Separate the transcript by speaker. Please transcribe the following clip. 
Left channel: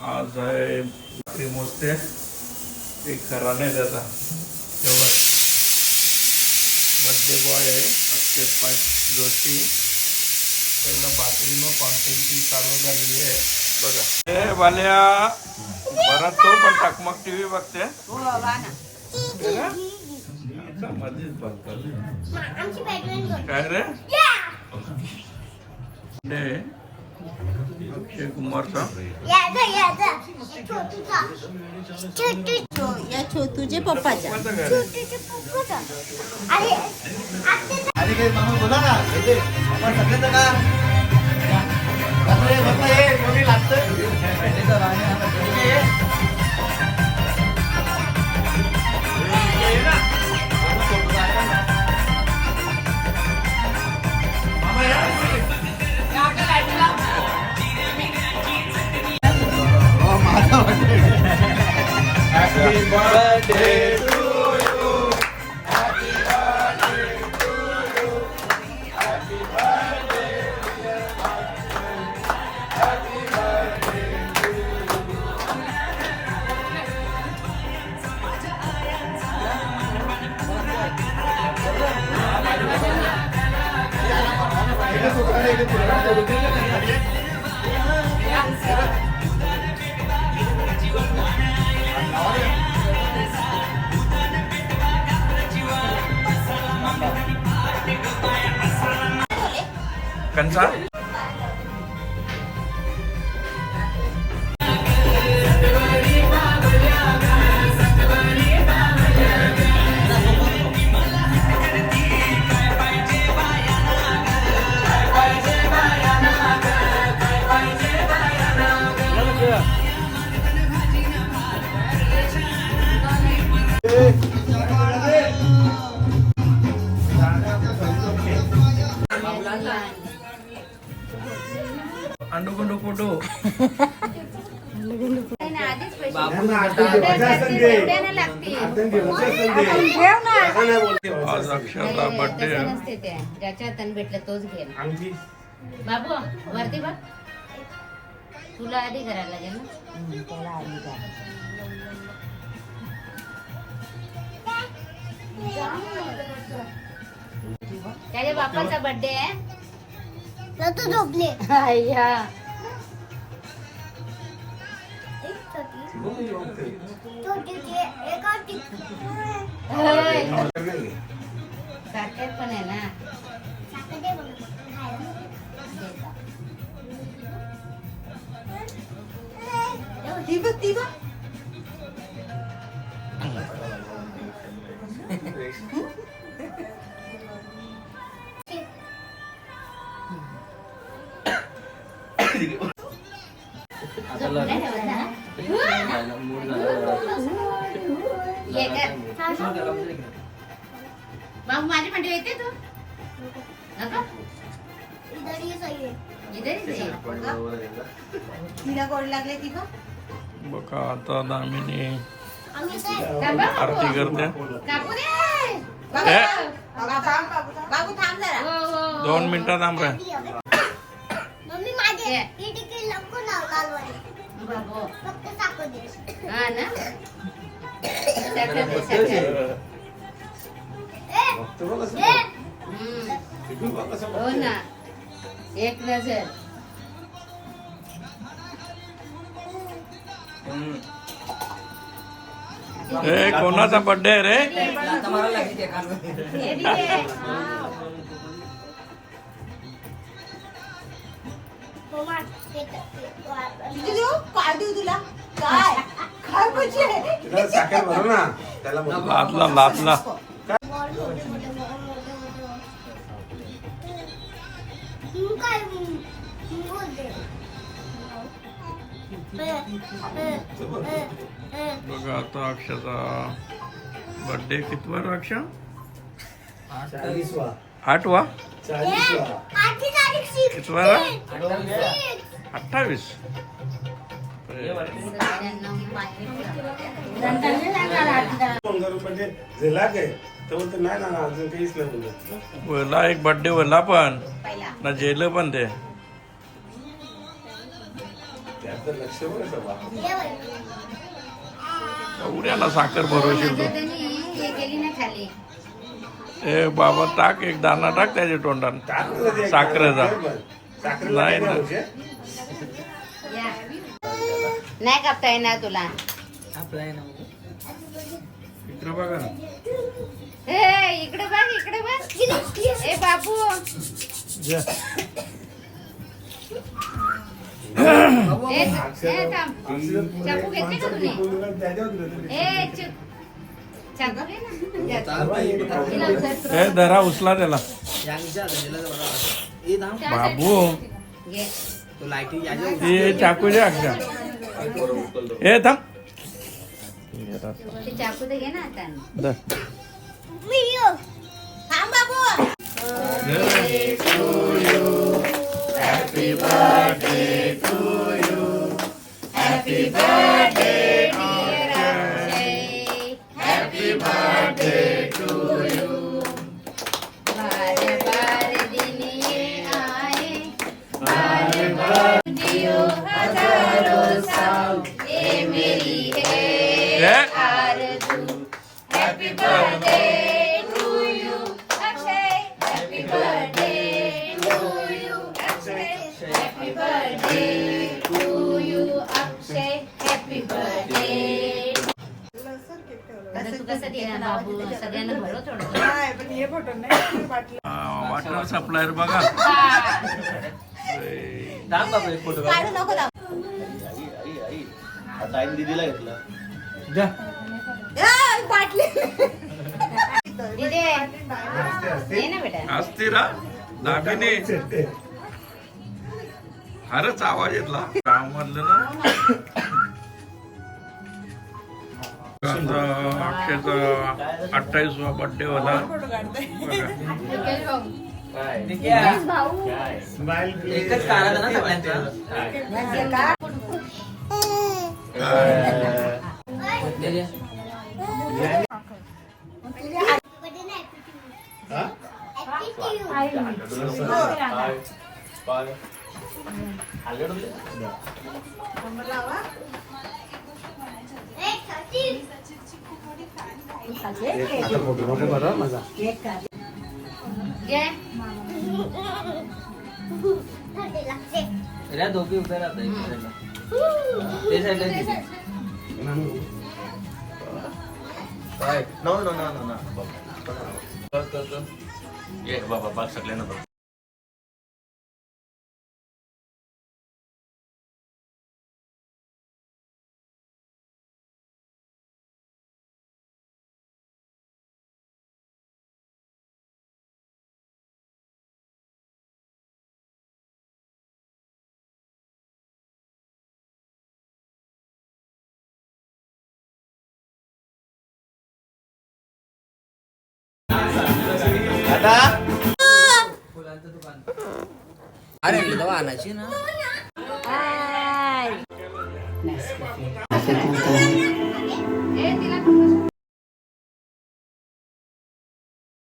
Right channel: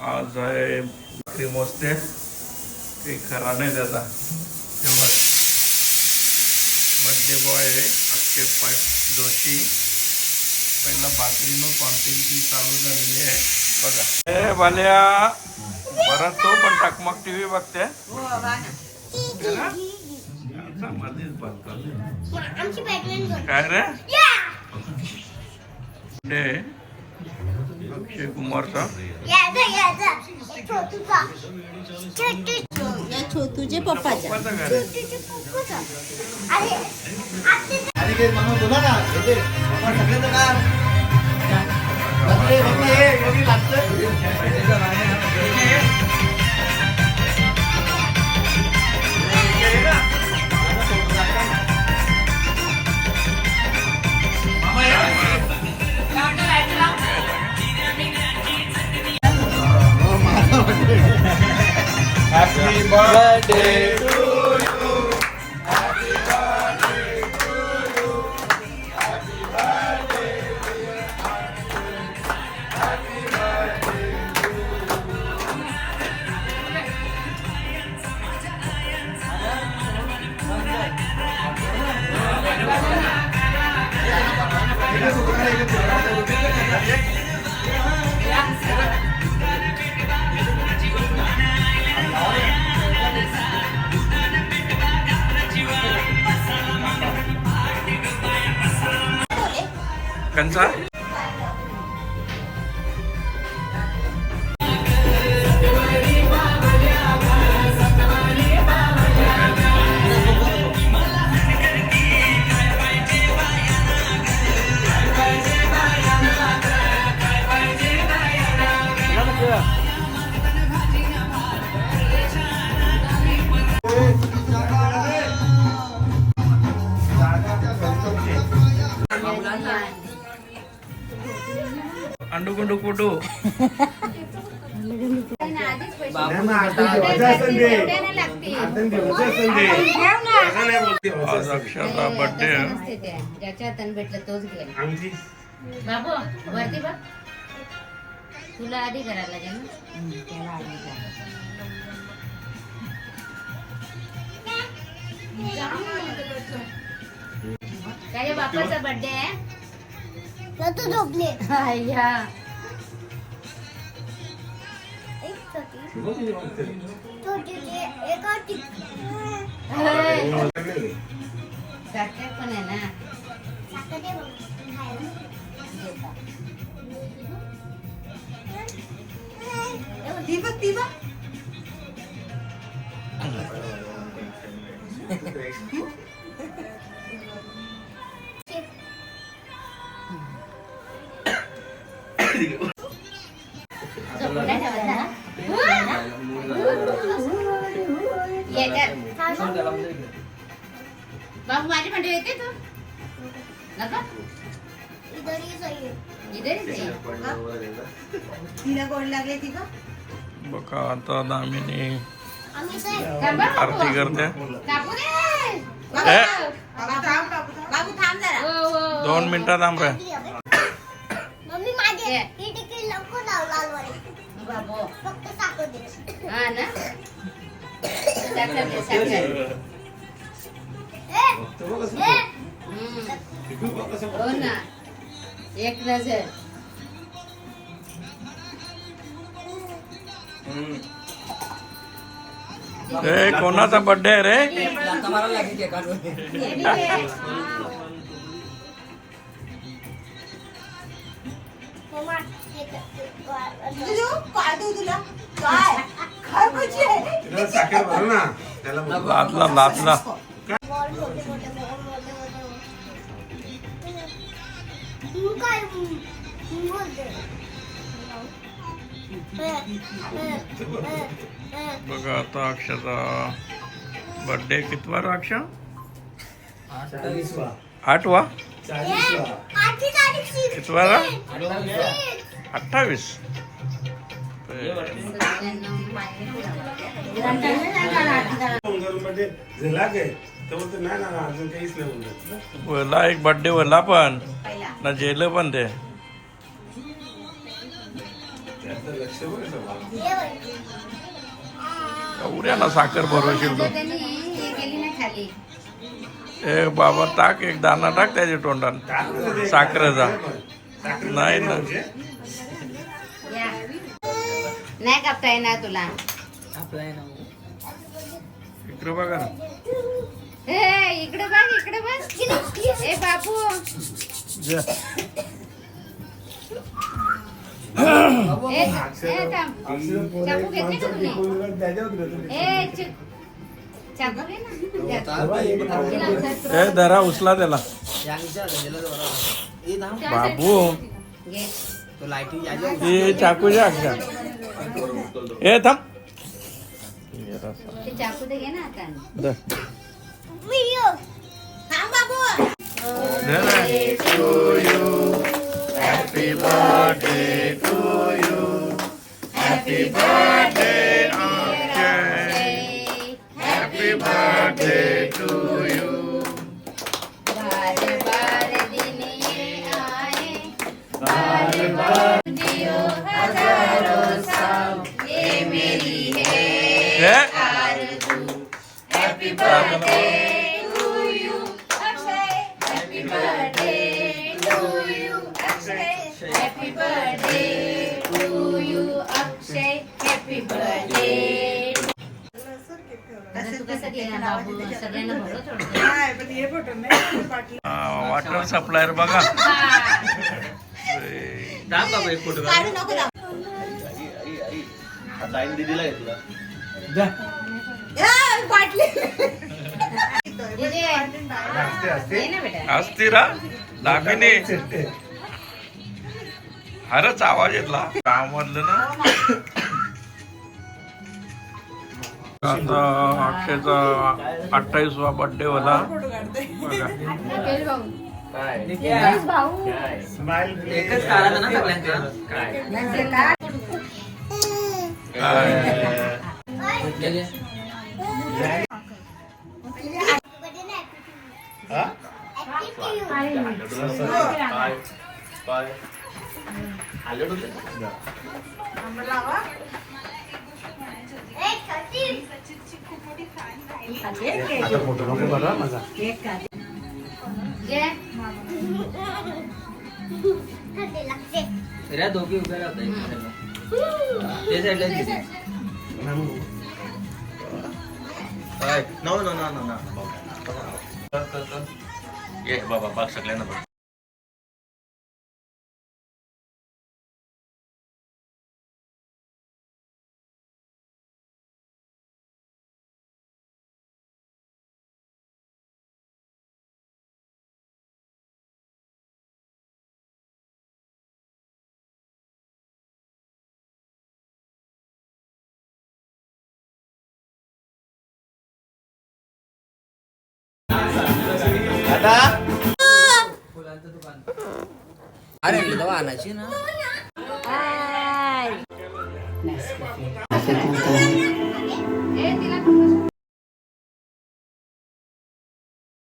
Speaker 1: आज आहे भाकरी मोजते ते खरा नाही त्याचा. तेव्हा बर्थडे बॉय आहे. अक्षय पाट जोशी. पहिला भाकरीनं कॉन्टेंट चालू झालेली आहे. बघा. ए बाल्या बरं तो पण टकमक बघते. मध्येच बघतात
Speaker 2: आमची बॅटमॅन
Speaker 1: काय रे? अक्षय कुमारचा.
Speaker 3: या छोटूचे
Speaker 1: पप्पाचं. घर कंचा अंडू गुंडू कुटू आज अक्षरचा बर्थडे आहे
Speaker 3: ज्याच्या हाताने भेटलं तोच घे बाबू वरती बघ. तुला आधी करायला लागेल ना? त्याला आधी करा. त्याच्या बापाचा बर्थडे आहे.
Speaker 2: तू झोपले.
Speaker 3: सारखेच पण आहे ना.
Speaker 2: साखर
Speaker 3: ती बघ. ती बघ बाबू माझी पंडी येते तू नको.
Speaker 2: इधर ही सही है
Speaker 3: इधर ही आहे.
Speaker 1: बघा आता दामिनी आरती करते.
Speaker 3: हो, हो, हो.
Speaker 1: दोन मिनिटात थांब रे.
Speaker 2: मम्मी माझे
Speaker 3: ये.
Speaker 2: ही. फक्त साखर दे.
Speaker 3: हा ना? हम्म. हो ना. एक नजर.
Speaker 1: ए कोणाचा बर्थडे आहे. रे
Speaker 2: मम्मा ते
Speaker 4: तिला. साखर भरू ना. त्याला बोलू.
Speaker 2: तू काय
Speaker 1: बघा आता अक्षाचा बर्थडे कितवा रे अक्ष?
Speaker 4: चाळीसवा.
Speaker 1: आठवा? कितवा अठ्ठावीस.
Speaker 4: म्हणजे झाला काय तर बोलतो नाही ना अजून काहीच नाही बोलत.
Speaker 1: वला एक बर्थडे वला पण. ना जेल पण ते.
Speaker 4: आपलं लक्ष.
Speaker 1: एवढ्याला साखर भरवशील तू.
Speaker 3: हे
Speaker 1: ए बाबा टाक एक दाना टाक त्याच्या तोंडात. साखरेचा. नाही, नाही.
Speaker 3: या. नाही कापता येणार तुला.
Speaker 1: इकडे बघा ना.
Speaker 3: ए इकडे बघ इकडे बघ. ए बाबू.
Speaker 1: जा.
Speaker 3: ए ए थांब. चाकू घेतली का तुम्ही
Speaker 4: त्याच्यावर होतं.
Speaker 3: ए चुप चाकू घे ना. तिला उचल.
Speaker 1: ए धरा उचला त्याला. बाबू.
Speaker 3: घे.
Speaker 1: ते चाकू द्या ए थांब.
Speaker 3: ते चाकू दे घे ना आता.
Speaker 1: धर.
Speaker 2: व्हिडिओ. थांब बाबू.
Speaker 1: Happy birthday to you. Happy birthday, Akshay. Happy birthday to you.
Speaker 3: बार बार दिन ये आए बार जियो हजारों साल ये मेरी है बाबू सगळ्यांना भरो थोडं
Speaker 1: हा, वॉटर सप्लायर बघा
Speaker 2: नको दाबू.
Speaker 1: द्या.
Speaker 3: इथे ये ना बेटा.
Speaker 1: असती रा दामिनी. हरच आवाज येतला. कामधलं ना. अक्षयचा अठ्ठावीसवा बर्थडे होला.
Speaker 5: एकच ना सगळ्यांचं.
Speaker 1: काय?
Speaker 5: दोघी उभ्या राहत नाही ते साईडला तिथे. नो
Speaker 1: आता?
Speaker 5: अरे दवा आणायची ना.